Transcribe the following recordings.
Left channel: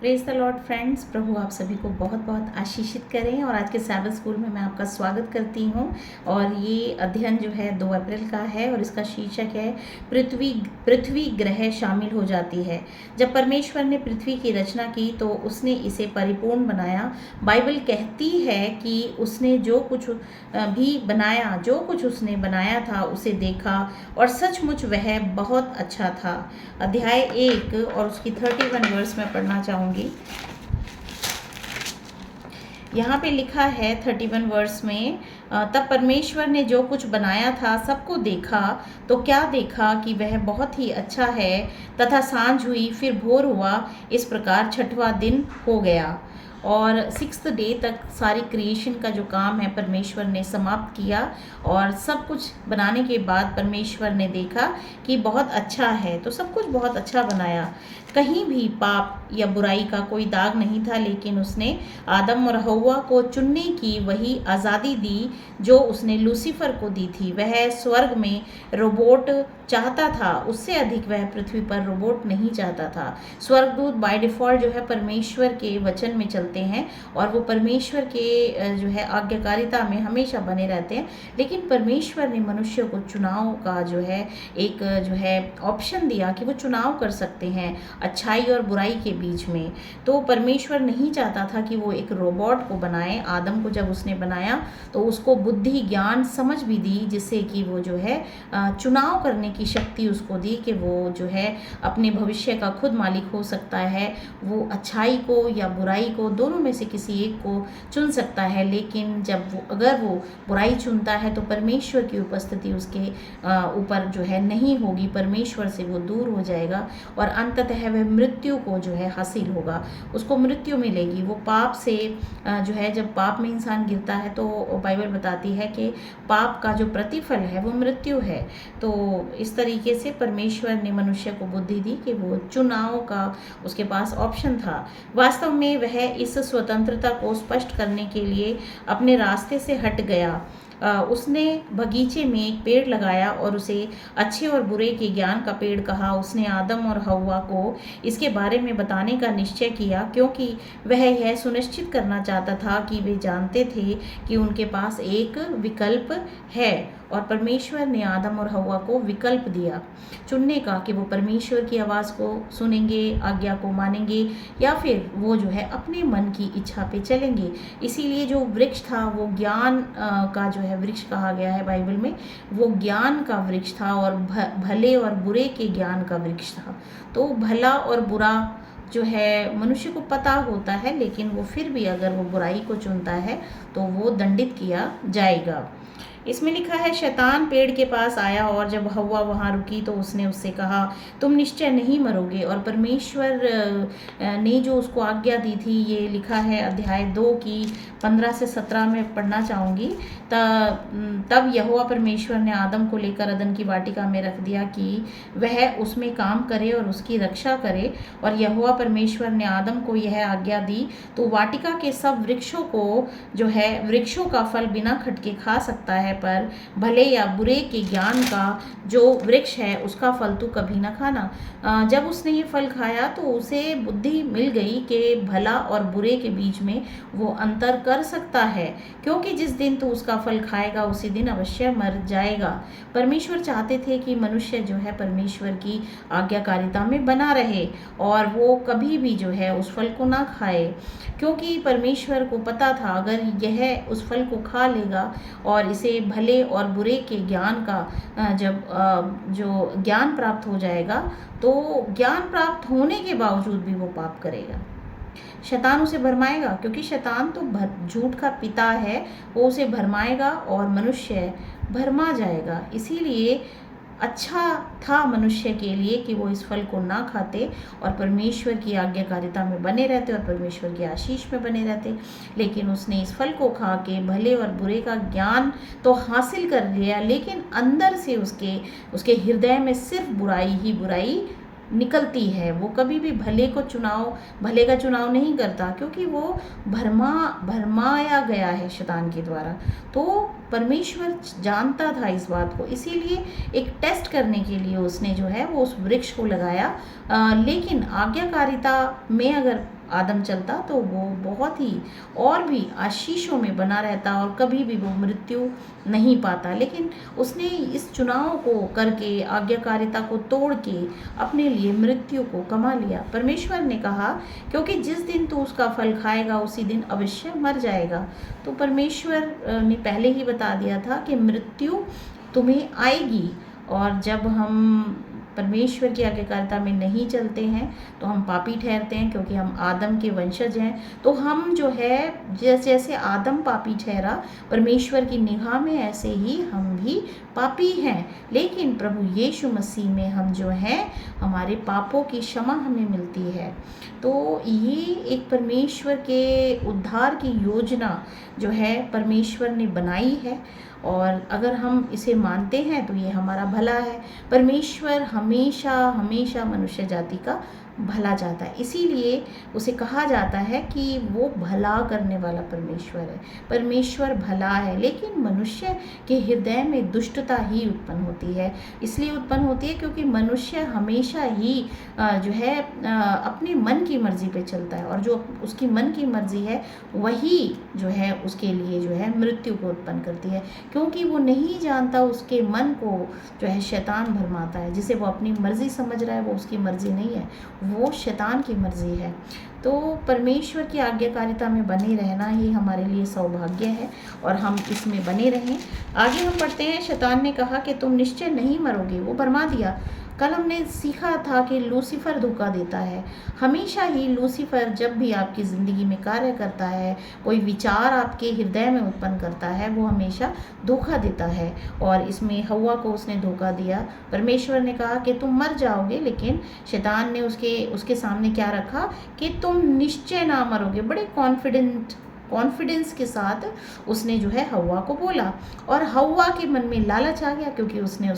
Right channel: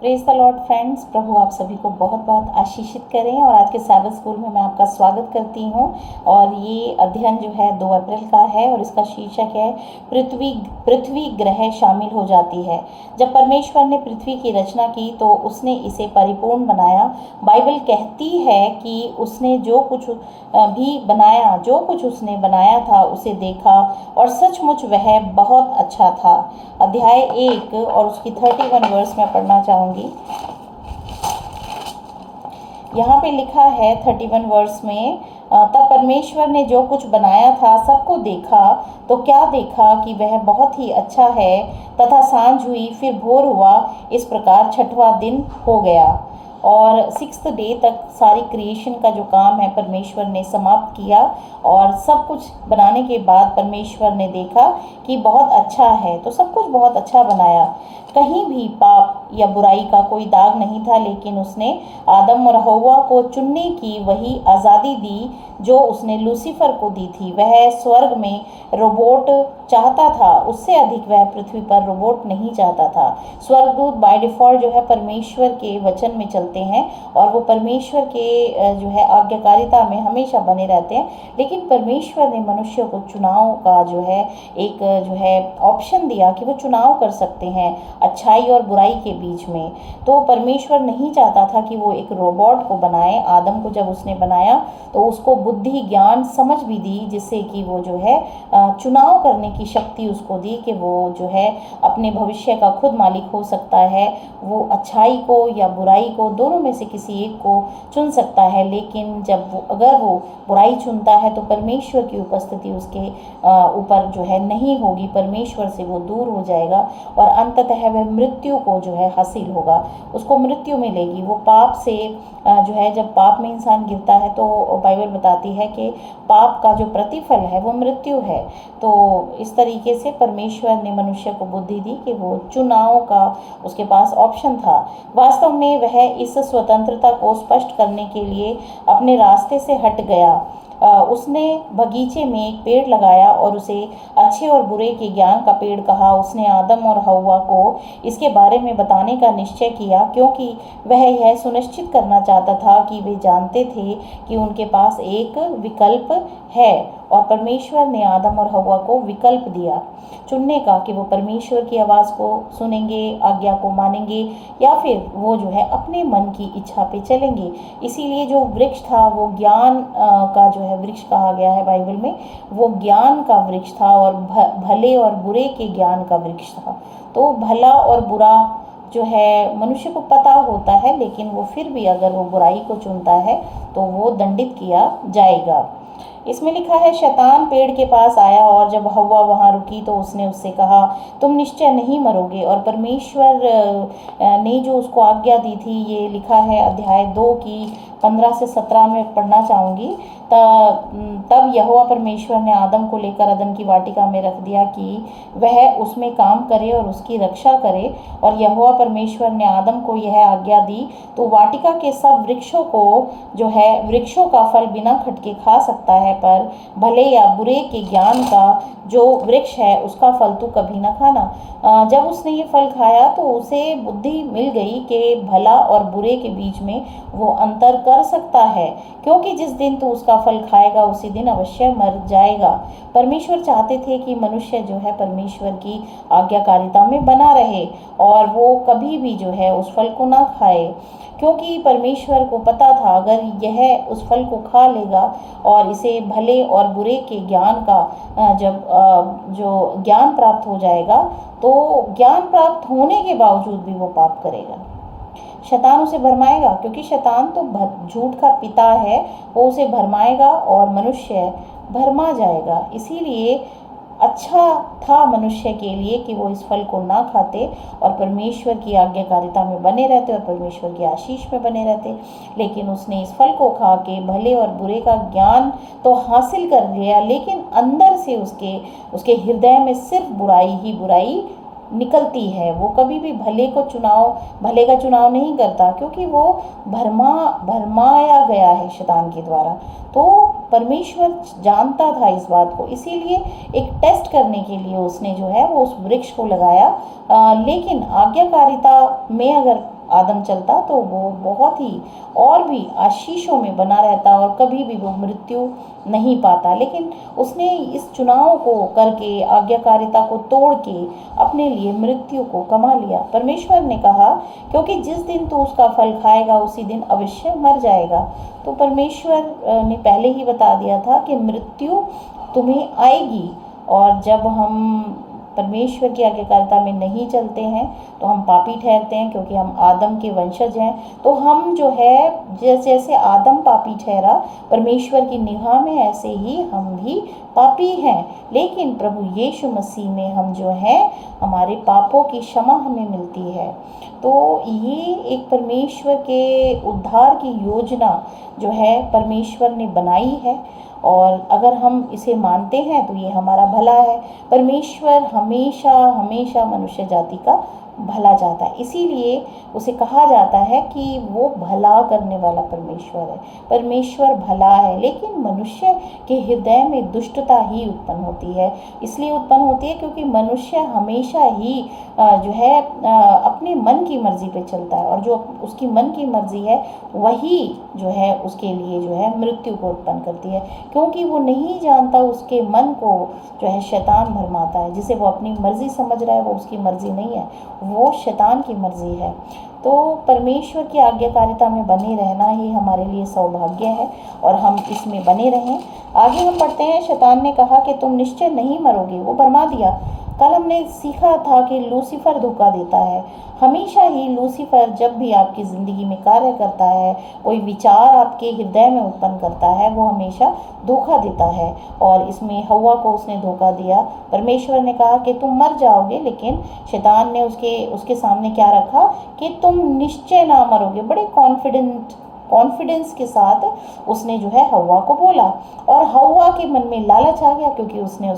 Praise the lord friends. प्रभु आप सभी को बहुत बहुत आशीषित करें। और आज के सैबथ स्कूल में मैं आपका स्वागत करती हूँ। और ये अध्ययन जो है 2 अप्रैल का है और इसका शीर्षक है पृथ्वी पृथ्वी ग्रह शामिल हो जाती है। जब परमेश्वर ने पृथ्वी की रचना की तो उसने इसे परिपूर्ण बनाया। बाइबल कहती है कि उसने जो कुछ उसने बनाया था उसे देखा और सचमुच वह बहुत अच्छा था। अध्याय 1 और उसकी 31 वर्स में पढ़ना चाहूँगी। यहाँ पे लिखा है 31 वर्स में, तब परमेश्वर ने जो कुछ बनाया था सबको देखा तो क्या देखा कि वह बहुत ही अच्छा है। तथा सांझ हुई, फिर भोर हुआ। इस प्रकार 6वां दिन हो गया। और 6th डे तक सारी क्रिएशन का जो काम है परमेश्वर ने समाप्त किया। और सब कुछ बनाने के बाद परमेश्वर ने देखा कि बहुत अच्छा है। तो सब कुछ बहुत अच्छा बनाया। कहीं भी पाप या बुराई का कोई दाग नहीं था, लेकिन उसने आदम और हव्वा को चुनने की वही आज़ादी दी जो उसने लूसीफर को दी थी। वह स्वर्ग में रोबोट चाहता था, उससे अधिक वह पृथ्वी पर रोबोट नहीं चाहता था। स्वर्गदूत बाय डिफ़ॉल्ट जो है परमेश्वर के वचन में चलते हैं और वो परमेश्वर के जो है आज्ञाकारिता में हमेशा बने रहते हैं। लेकिन परमेश्वर ने मनुष्य को चुनाव का जो है एक जो है ऑप्शन दिया कि वो चुनाव कर सकते हैं अच्छाई और बुराई के बीच में। तो परमेश्वर नहीं चाहता था कि वो एक रोबोट को बनाए। आदम को जब उसने बनाया तो उसको बुद्धि, ज्ञान, समझ भी दी, जिससे कि वो जो है चुनाव करने की शक्ति उसको दी कि वो जो है अपने भविष्य का खुद मालिक हो सकता है। वो अच्छाई को या बुराई को, दोनों में से किसी एक को चुन सकता है। लेकिन अगर वो बुराई चुनता है तो परमेश्वर की उपस्थिति उसके ऊपर जो है नहीं होगी। परमेश्वर से वो दूर हो जाएगा और अंततः वह मृत्यु को जो है हासिल होगा, उसको मृत्यु मिलेगी। वो पाप से जो है, जब पाप में इंसान गिरता है तो बाइबल बताती है कि पाप का जो प्रतिफल है वो मृत्यु है। तो इस तरीके से परमेश्वर ने मनुष्य को बुद्धि दी कि वो चुनाव का उसके पास ऑप्शन था। वास्तव में वह इस स्वतंत्रता को स्पष्ट करने के लिए अपने रास्ते से हट गया। उसने बगीचे में एक पेड़ लगाया और उसे अच्छे और बुरे के ज्ञान का पेड़ कहा। उसने आदम और हव्वा को इसके बारे में बताने का निश्चय किया, क्योंकि वह यह सुनिश्चित करना चाहता था कि वे जानते थे कि उनके पास एक विकल्प है। और परमेश्वर ने आदम और हव्वा को विकल्प दिया चुनने का कि वो परमेश्वर की आवाज़ को सुनेंगे, आज्ञा को मानेंगे, या फिर वो जो है अपने मन की इच्छा पे चलेंगे। इसीलिए जो वृक्ष था वो ज्ञान का जो है वृक्ष कहा गया है बाइबल में। वो ज्ञान का वृक्ष था और भले और बुरे के ज्ञान का वृक्ष था। तो भला और बुरा जो है मनुष्य को पता होता है, लेकिन वो फिर भी अगर वो बुराई को चुनता है तो वो दंडित किया जाएगा। इसमें लिखा है, शैतान पेड़ के पास आया और जब हव्वा वहाँ रुकी तो उसने उससे कहा, तुम निश्चय नहीं मरोगे। और परमेश्वर ने जो उसको आज्ञा दी थी, ये लिखा है अध्याय 2 की 15 से 17 में पढ़ना चाहूँगी। तब यहोवा परमेश्वर ने आदम को लेकर अदन की वाटिका में रख दिया कि वह उसमें काम करे और उसकी रक्षा करे। और यहोवा परमेश्वर ने आदम को यह आज्ञा दी, तो वाटिका के सब वृक्षों को जो है वृक्षों का फल बिना खटके खा सकता है, पर भले या बुरे के ज्ञान का जो वृक्ष है उसका फल तू कभी न खाना। जब उसने ये फल खाया तो उसे बुद्धि मिल गई कि भला और बुरे के बीच में वो अंतर कर सकता है, क्योंकि जिस दिन तू उसका फल खाएगा उसी दिन अवश्य मर जाएगा। परमेश्वर चाहते थे कि मनुष्य जो है परमेश्वर की आज्ञाकारिता में बना रहे और वो कभी भी जो है उस फल को ना खाए, क्योंकि परमेश्वर को पता था अगर यह उस फल को खा लेगा और इसे भले और बुरे के ज्ञान का जब जो ज्ञान प्राप्त हो जाएगा तो ज्ञान प्राप्त होने के बावजूद भी वो पाप करेगा। शैतान उसे भरमाएगा, क्योंकि शैतान तो झूठ का पिता है। वो उसे भरमाएगा और मनुष्य भरमा जाएगा। इसीलिए अच्छा था मनुष्य के लिए कि वो इस फल को ना खाते और परमेश्वर की आज्ञाकारिता में बने रहते और परमेश्वर की आशीष में बने रहते। लेकिन उसने इस फल को खा के भले और बुरे का ज्ञान तो हासिल कर लिया, लेकिन अंदर से उसके हृदय में सिर्फ बुराई ही बुराई निकलती है। वो कभी भी भले का चुनाव नहीं करता, क्योंकि वो भरमाया गया है शैतान के द्वारा। तो परमेश्वर जानता था इस बात को, इसीलिए एक टेस्ट करने के लिए उसने जो है वो उस वृक्ष को लगाया। लेकिन आज्ञाकारिता में अगर आदम चलता तो वो बहुत ही और भी आशीषों में बना रहता और कभी भी वो मृत्यु नहीं पाता। लेकिन उसने इस चुनाव को करके, आज्ञाकारिता को तोड़ के अपने लिए मृत्यु को कमा लिया। परमेश्वर ने कहा क्योंकि जिस दिन तू उसका फल खाएगा उसी दिन अवश्य मर जाएगा। तो परमेश्वर ने पहले ही बता दिया था कि मृत्यु तुम्हें आएगी। और जब हम परमेश्वर की आज्ञाकारिता में नहीं चलते हैं तो हम पापी ठहरते हैं, क्योंकि हम आदम के वंशज हैं। तो हम जो है, जैसे आदम पापी ठहरा परमेश्वर की निगाह में, ऐसे ही हम भी पापी हैं। लेकिन प्रभु यीशु मसीह में हम जो हैं, हमारे पापों की क्षमा हमें मिलती है। तो ये एक परमेश्वर के उद्धार की योजना जो है परमेश्वर ने बनाई है, और अगर हम इसे मानते हैं तो ये हमारा भला है। परमेश्वर हमेशा हमेशा मनुष्य जाति का भला चाहता है, इसीलिए उसे कहा जाता है कि वो भला करने वाला परमेश्वर है। परमेश्वर भला है, लेकिन मनुष्य के हृदय में दुष्टता ही उत्पन्न होती है। इसलिए उत्पन्न होती है क्योंकि मनुष्य हमेशा ही जो है अपने मन की मर्जी पे चलता है, और जो उसकी मन की मर्जी है वही जो है उसके लिए जो है मृत्यु को उत्पन्न करती है, क्योंकि वो नहीं जानता उसके मन को जो है शैतान भरमाता है। जिसे वो अपनी मर्जी समझ रहा है वो उसकी मर्जी नहीं है, वो शैतान की मर्जी है। तो परमेश्वर की आज्ञाकारिता में बने रहना ही हमारे लिए सौभाग्य है, और हम इसमें बने रहें। आगे हम पढ़ते हैं, शैतान ने कहा कि तुम निश्चय नहीं मरोगे। वो भरमा दिया। कल हमने सीखा था कि लूसीफर धोखा देता है। हमेशा ही लूसीफर जब भी आपकी ज़िंदगी में कार्य करता है, कोई विचार आपके हृदय में उत्पन्न करता है, वो हमेशा धोखा देता है। और इसमें हव्वा को उसने धोखा दिया। परमेश्वर ने कहा कि तुम मर जाओगे, लेकिन शैतान ने उसके सामने क्या रखा कि तुम निश्चय ना मरोगे। बड़े कॉन्फिडेंस के साथ उसने जो है हव्वा को बोला, और हव्वा के मन में लालच आ गया, क्योंकि उसने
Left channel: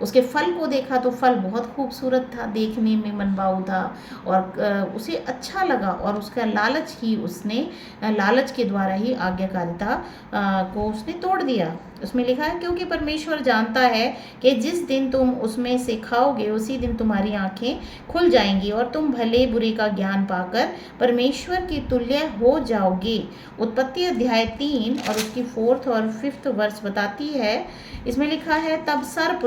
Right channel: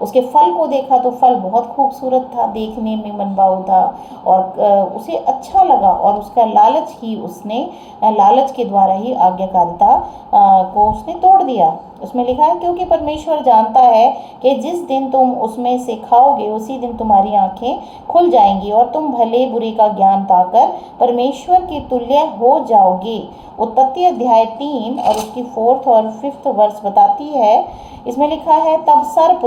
उसके फल को देखा तो फल बहुत खूबसूरत था, देखने में मनभाऊ था, और उसे अच्छा लगा, और उसका लालच के द्वारा ही आज्ञाकारिता को उसने तोड़ दिया। उसमें लिखा है, क्योंकि परमेश्वर जानता है कि जिस दिन तुम उसमें से खाओगे उसी दिन तुम्हारी आंखें खुल जाएंगी और तुम भले बुरे का ज्ञान पाकर परमेश्वर की तुल्य हो जाओगे। उत्पत्ति अध्याय 3 और उसकी 4th और 5th वर्ष बताती है। इसमें लिखा है, तब सर्प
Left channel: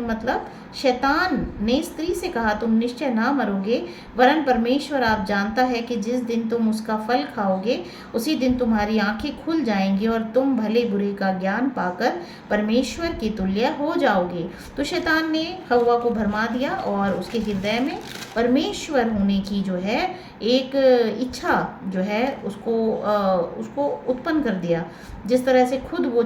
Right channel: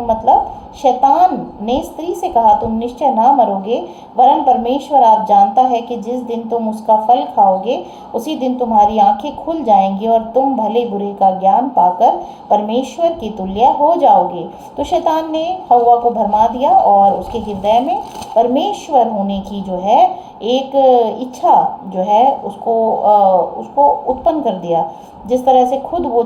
मतलब शैतान ने स्त्री से कहा, तुम निश्चय ना मरोगे, वरन परमेश्वर आप जानता है कि जिस दिन तुम उसका फल खाओगे उसी दिन तुम्हारी आंखें खुल जाएंगी और तुम भले बुरे का ज्ञान पाकर परमेश्वर की तुल्य हो जाओगे। तो शैतान ने हव्वा को भरमा दिया और उसके हृदय में परमेश्वर होने की जो है एक इच्छा जो है उसको उत्पन्न कर दिया। जिस तरह से खुद वो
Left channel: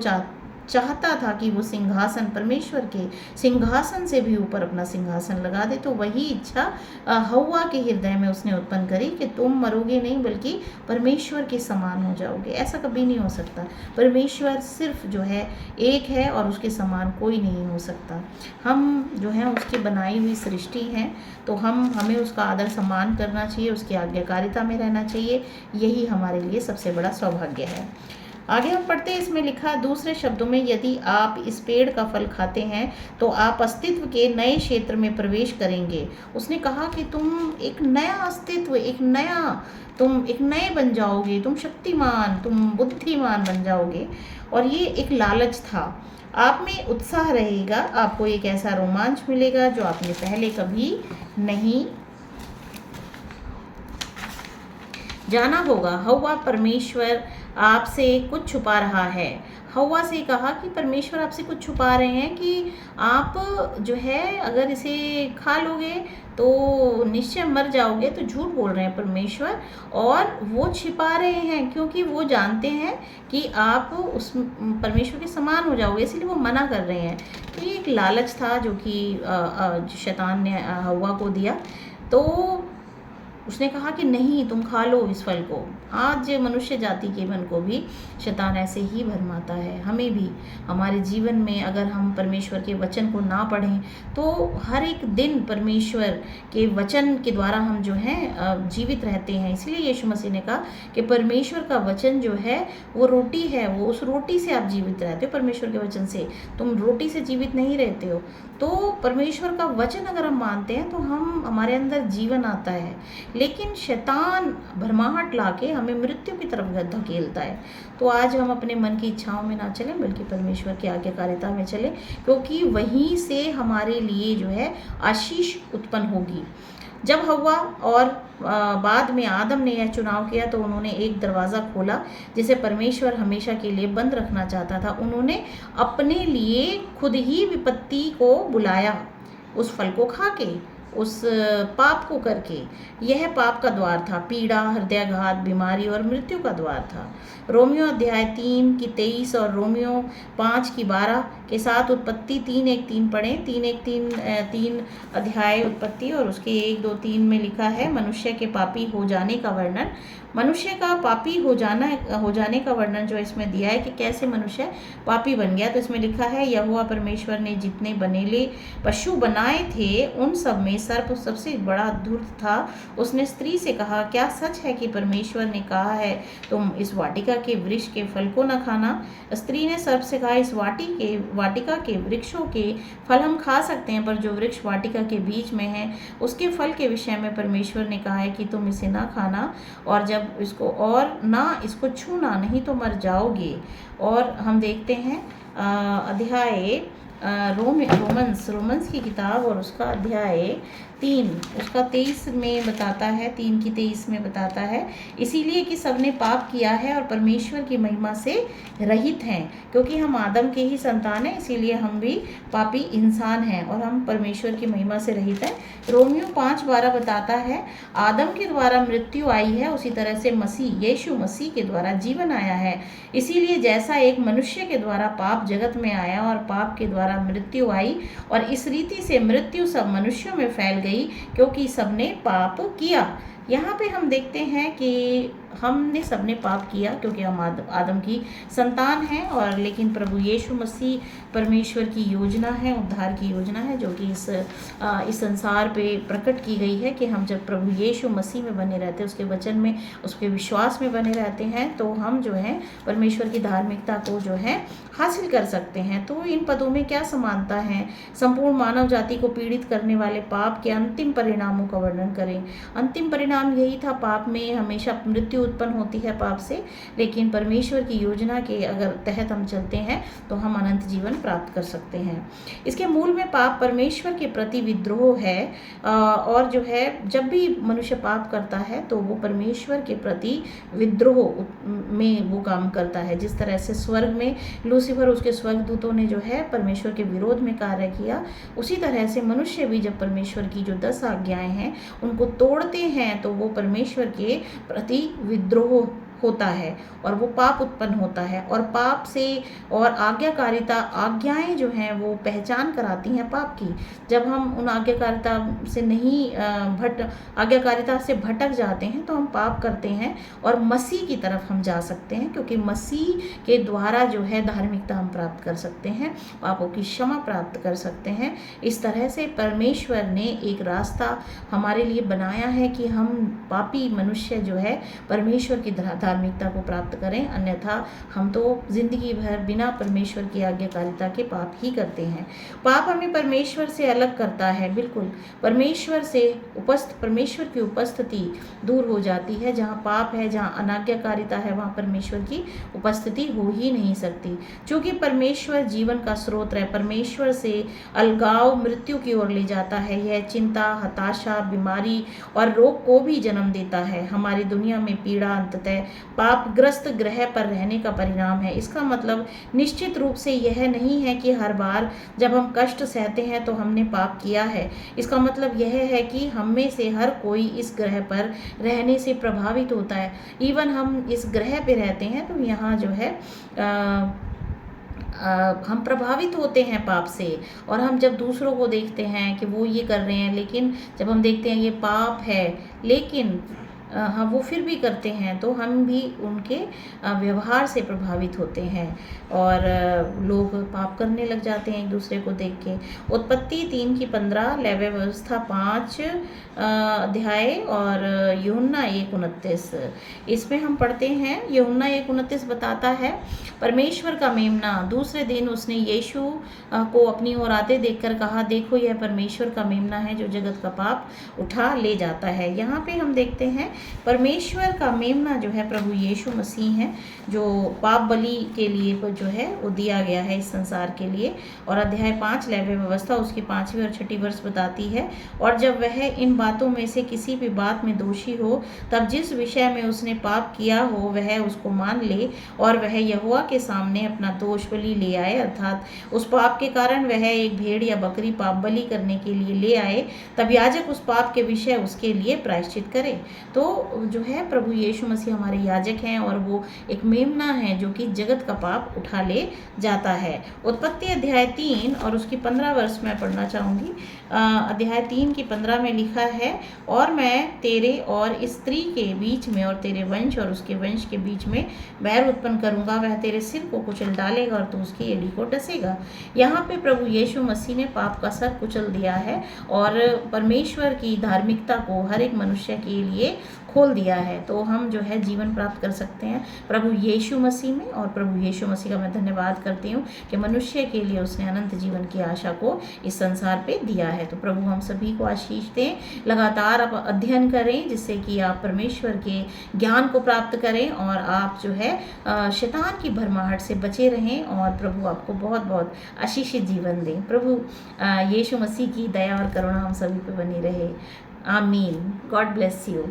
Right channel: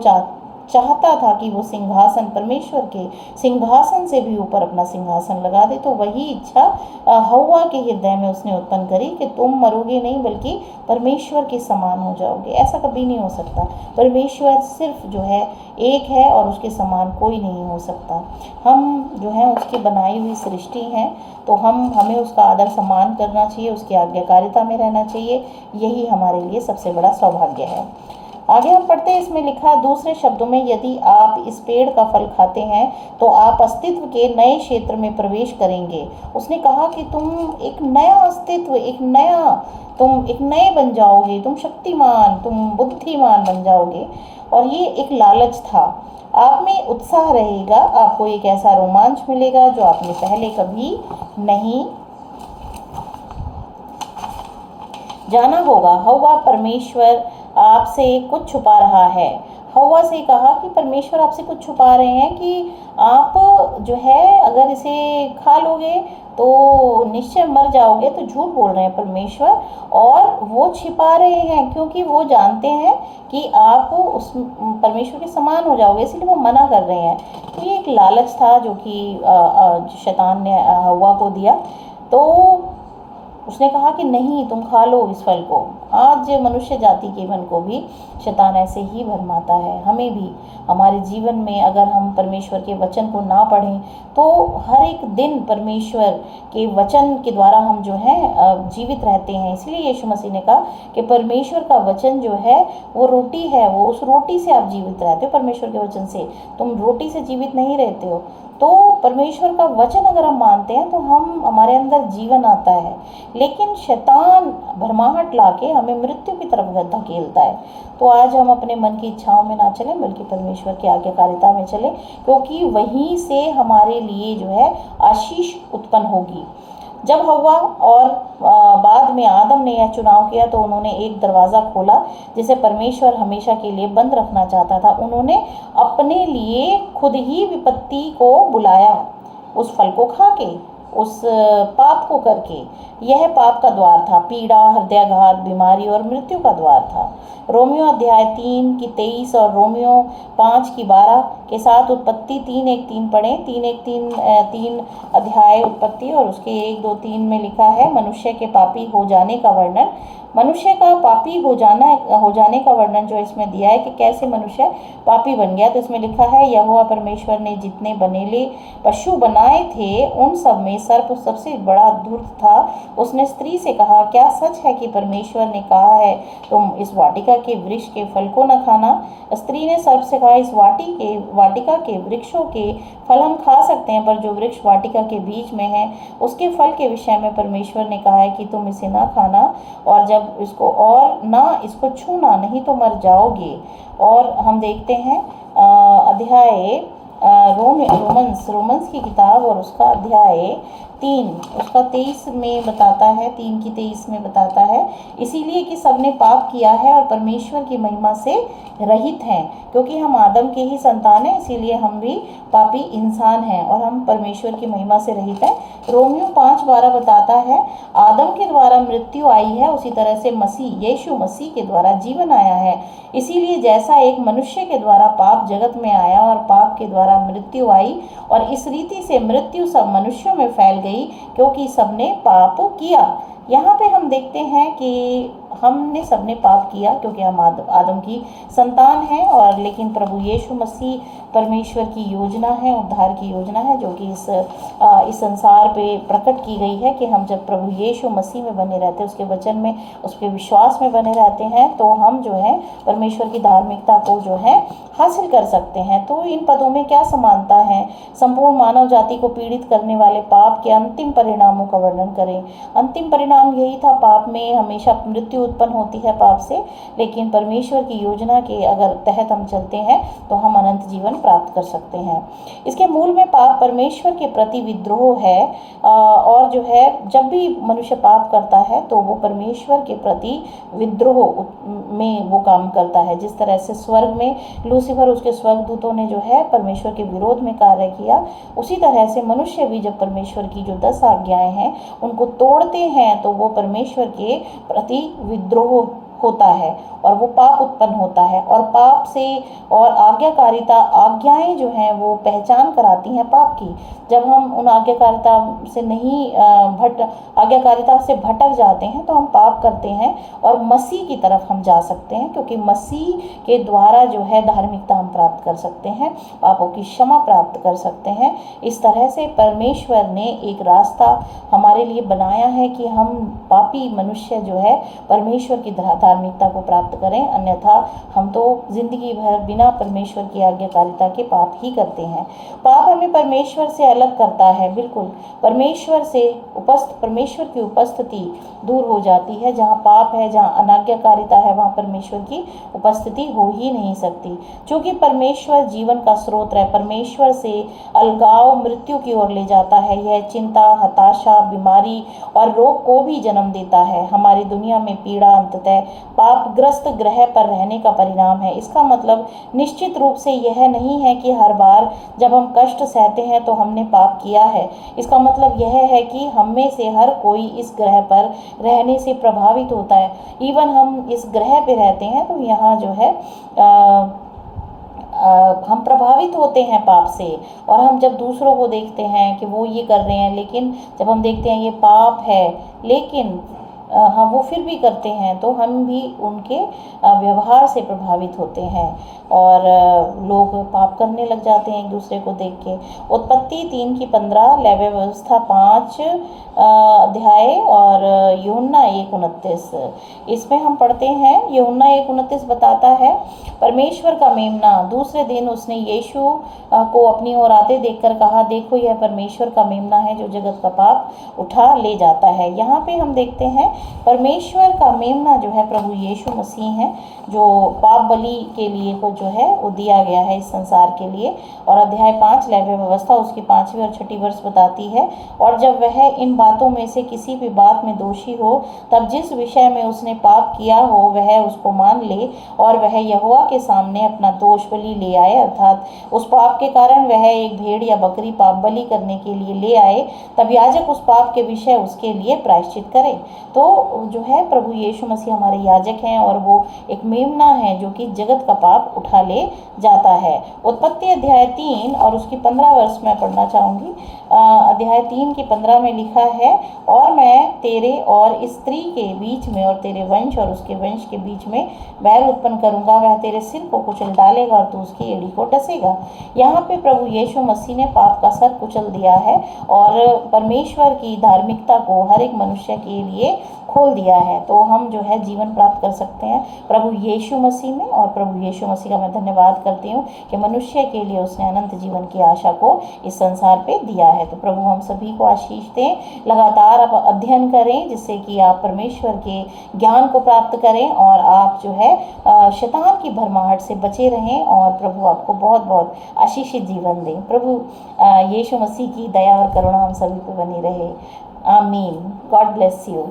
चाहता था कि वो सिंहासन, परमेश्वर के सिंहासन से भी ऊपर अपना सिंहासन लगा दे, तो वही इच्छा हव्वा के हृदय में उसने उत्पन्न करी कि तुम मरोगे नहीं बल्कि परमेश्वर के समान हो जाओगे। ऐसा कभी नहीं हो सकता। परमेश्वर सिर्फ जो है एक है और उसके समान कोई नहीं हो सकता। हम जो है उसकी बनाई हुई सृष्टि हैं, तो हमें उसका आदर सम्मान करना चाहिए, उसकी आज्ञाकारिता में रहना चाहिए। यही हमारे लिए सबसे बड़ा सौभाग्य है। आगे हम पढ़ते हैं, इसमें लिखा, दूसरे शब्दों में, यदि आप इस पेड़ का फल खाते हैं तो आप अस्तित्व के नए क्षेत्र में प्रवेश करेंगे। उसने कहा कि तुम एक नया अस्तित्व, तुम एक नए बन जाओगे, तुम शक्तिमान, तुम बुद्धिमान बन जाओगे। और ये एक लालच था। आप में उत्साह रहेगा, आपको एक ऐसा रोमांच मिलेगा जो आपने पहले कभी नहीं जाना होगा। हव्वा, परमेश्वर आपसे कुछ छुपा रहा है। हव्वा से कहा कि परमेश्वर आपसे कुछ छुपा रहे हैं कि आप जो है अगर इसे खा लोगे तो निश्चय मर जाओगे। तो झूठ बोल रहे हैं परमेश्वर, और वो छिपा रहे हैं क्योंकि वो जानते हैं कि आप उस परमेश्वर के समान हो जाओगे, इसलिए वो मना कर रहे हैं। तो ये एक लालच था जो कि शैतान ने हव्वा को दिया। तो उसने कहा कि नहीं, तुम खा लो इस फल को। आज मनुष्य जाति के मन को भी शैतान ऐसे ही भरमाता है। हमें भी हमारे जीवन में अगर हम परमेश्वर के वचन को ना पढ़ें तो हर एक दिन परमेश्वर के वचन के द्वारा हम जो है जीवित रहते हैं। इसलिए यीशु मसीह ने कहा कि परमेश्वर का वचन जो है वो रोटी है, वो उस रोटी से आप जीवित रहते हो। परमेश्वर के वचन से, तुम रोटी से जीवित नहीं रहते हो। तो परमेश्वर का वचन अगर हम मानते हैं तो हम हमारे अंदर जीवन आता है, लेकिन शैतान भरमाहट लाके हमें मृत्यु की तरफ धकेलता है। तो आज हम अपने मन की इच्छाओं में ना चलें, बल्कि परमेश्वर की आज्ञाकारिता में चलें, क्योंकि वहीं से हमारे लिए जो है आशीष उत्पन्न होगी। जब हव्वा और बाद में आदम ने यह चुनाव किया तो उन्होंने एक दरवाज़ा खोला जिसे परमेश्वर हमेशा के लिए बंद रखना चाहता था। उन्होंने अपने लिए खुद ही विपत्ति को बुलाया, उस फल को खा के, उस पाप को करके। यह पाप का द्वार था, पीड़ा, हृदयाघात, बीमारी और मृत्यु का द्वार था। रोमियो अध्याय 3 की 23 और रोमियो 5 की 12 के साथ उत्पत्ति 3:1-3 पढ़ें। 3:1-3 अध्याय उत्पत्ति और उसके 1-2-3 में लिखा है मनुष्य के पापी हो जाने का वर्णन। मनुष्य का पापी हो जाने का वर्णन जो इसमें दिया है कि कैसे मनुष्य पापी बन गया। तो इसमें लिखा है, यहोवा परमेश्वर ने जितने बनेले पशु बनाए थे उन सब में सर्प सबसे बड़ा धूर्त था। उसने स्त्री से कहा, क्या सच है कि परमेश्वर ने कहा है तुम इस वाटिका के वृक्ष के फल को न खाना? स्त्री ने सर्प से कहा, इस वाटिका के वृक्षों के फल हम खा सकते हैं, पर जो वृक्ष वाटिका के बीच में है उसके फल के विषय में परमेश्वर ने कहा है कि तुम इसे ना खाना और जब इसको और ना इसको छूना, नहीं तो मर जाओगे। और हम देखते हैं अध्याय रोमन्स की किताब और उसका अध्याय 3 उसका 23 में बताता है, 3 की 23 में बताता है, इसीलिए कि सबने पाप किया है और परमेश्वर की महिमा से रहित हैं। क्योंकि हम आदम के ही संतान हैं, इसीलिए हम भी पापी इंसान हैं और हम परमेश्वर की महिमा से रहित हैं। रोमियो 5:12 बताता है, आदम के द्वारा मृत्यु आई है, उसी तरह से यीशु मसीह के द्वारा जीवन आया है। इसीलिए जैसा एक मनुष्य के द्वारा पाप जगत में आया और पाप के द्वारा मृत्यु आई, और इस रीति से मृत्यु सब मनुष्यों में फैल गई क्योंकि सबने पाप किया। यहाँ पे हम देखते हैं कि हमने सबने पाप किया क्योंकि हम आदम की संतान हैं, और लेकिन प्रभु यीशु मसीह परमेश्वर की योजना है, उद्धार की योजना है, जो कि इस संसार पे प्रकट की गई है कि हम जब प्रभु यीशु मसीह में बने रहते हैं, उसके वचन में, उसके विश्वास में बने रहते हैं, तो हम जो है परमेश्वर की धार्मिकता को जो है हासिल कर सकते हैं। तो इन पदों में क्या समानता है? संपूर्ण मानव जाति को पीड़ित करने वाले पाप के अंतिम परिणामों का वर्णन करें। अंतिम परिणाम यही था, पाप में हमेशा मृत्यु उत्पन्न होती है पाप से, लेकिन परमेश्वर की योजना के अगर तहत हम चलते हैं तो हम अनंत जीवन प्राप्त कर सकते हैं। इसके मूल में पाप परमेश्वर के प्रति विद्रोह है, और जो है जब भी मनुष्य पाप करता है तो वो परमेश्वर के प्रति विद्रोह में वो काम करता है। जिस तरह से स्वर्ग में लूसीफर उसके स्वर्गदूतों ने जो है परमेश्वर के विरोध में कार्य किया, उसी तरह से मनुष्य भी जब परमेश्वर की जो 10 आज्ञाएं हैं उनको तोड़ते हैं तो वो परमेश्वर के प्रति विद्रोह होता है और वो पाप उत्पन्न होता है। और पाप से और आज्ञाएं जो हैं वो पहचान कराती हैं पाप की। जब हम उन आज्ञाकारिता से भटक जाते हैं तो हम पाप करते हैं और मसीह की तरफ हम जा सकते हैं, क्योंकि मसीह के द्वारा जो है धार्मिकता हम प्राप्त कर सकते हैं, पापों की क्षमा प्राप्त कर सकते हैं। इस तरह से परमेश्वर ने एक रास्ता हमारे लिए बनाया है कि हम पापी मनुष्य जो है परमेश्वर की धार्मिकता को प्राप्त करें, अन्यथा हम तो जिंदगी भर बिना परमेश्वर की आज्ञाकारिता के पाप ही करते हैं। पाप हमें परमेश्वर से अलग करता है, बिल्कुल परमेश्वर की उपस्थिति दूर हो जाती है। जहाँ पाप है, जहाँ अनाज्ञाकारिता है, वहाँ परमेश्वर की उपस्थिति हो ही नहीं सकती। क्योंकि परमेश्वर जीवन का स्रोत है, परमेश्वर से अलगाव मृत्यु की ओर ले जाता है। यह चिंता, हताशा, बीमारी और रोग को भी जन्म देता है। हमारी दुनिया में पीड़ा अंततः पापग्रस्त ग्रह पर रहने का परिणाम है। इसका मतलब निश्चित रूप से यह नहीं है कि हर बार जब हम कष्ट सहते हैं तो हमने पाप किया है। इसका मतलब यह है कि हम में से हर कोई इस ग्रह पर रहने से प्रभावित होता है। इवन हम इस ग्रह पे रहते हैं तो यहाँ जो है हम प्रभावित होते हैं पाप से, और हम जब दूसरों को देखते हैं कि वो ये कर रहे हैं, लेकिन जब हम देखते हैं ये पाप है, लेकिन हाँ वो फिर भी करते हैं तो हम भी उनके व्यवहार से प्रभावित होते हैं और लोग पाप करने लग जाते हैं एक दूसरे को देख के। उत्पत्ति 3:15, लेवी व्यवस्था 5 अध्याय और यूहन्ना 1:29। इसमें हम पढ़ते हैं, यूहन्ना 1:29 बताता है, परमेश्वर का मेमना। दूसरे दिन उसने यीशु को अपनी ओर आते देखकर कहा, देखो यह परमेश्वर का मेमना है जो जगत का पाप उठा ले जाता है। यहाँ पे हम देखते हैं परमेश्वर का मेमना जो है प्रभु यीशु मसीह हैं, जो पाप बलि के लिए जो है वो दिया गया है इस संसार के लिए। और अध्याय 5 लेवी व्यवस्था उसकी 5वीं और 6ठी वर्ष बताती है, और जब वह इन बातों में से किसी भी बात में दोषी हो, तब जिस विषय में उसने पाप किया हो वह उसको मान ले और वह यहोवा के सामने अपना दोष बलि ले आए, अर्थात उस पाप के कारण वह एक भेड़ या बकरी पाप बलि करने के लिए ले आए, तब याजक उस पाप के विषय उसके लिए प्रायश्चित करे। तो जो है प्रभु यीशु मसीह हमारे याजक हैं और वो एक मेमना है जो कि जगत का पाप उठा ले जाता है। उत्पत्ति अध्याय 3 और उसकी 15 वर्ष मैं पढ़ना चाहूँगी। अध्याय 3 की 15 में लिखा है, और मैं तेरे और इस स्त्री के बीच में और तेरे वंश और उसके वंश के बीच में बैर उत्पन्न करूंगा, वह तेरे सिर को कुचल डालेगा और तू उसकी एड़ी को डसेगा। यहाँ पे प्रभु यीशु मसीह ने पाप का सर कुचल दिया है और परमेश्वर की धार्मिकता को हर एक मनुष्य के लिए खोल दिया है। तो हम जो है जीवन प्राप्त कर सकते हैं प्रभु यीशु मसीह में, और प्रभु यीशु मसीह का मैं धन्यवाद करती हूँ कि मनुष्य के लिए उसने अनंत जीवन की आशा को इस संसार पे दिया है। तो प्रभु हम सभी को आशीष दें, लगातार आप अध्ययन करें जिससे कि आप परमेश्वर के ज्ञान को प्राप्त करें और आप जो है शैतान की भरमाहट से बचे रहें, और प्रभु आपको बहुत बहुत आशीषित जीवन दें। प्रभु यीशु मसीह की दया और करुणा हम सभी पे बनी रहे। आमीन। God bless you.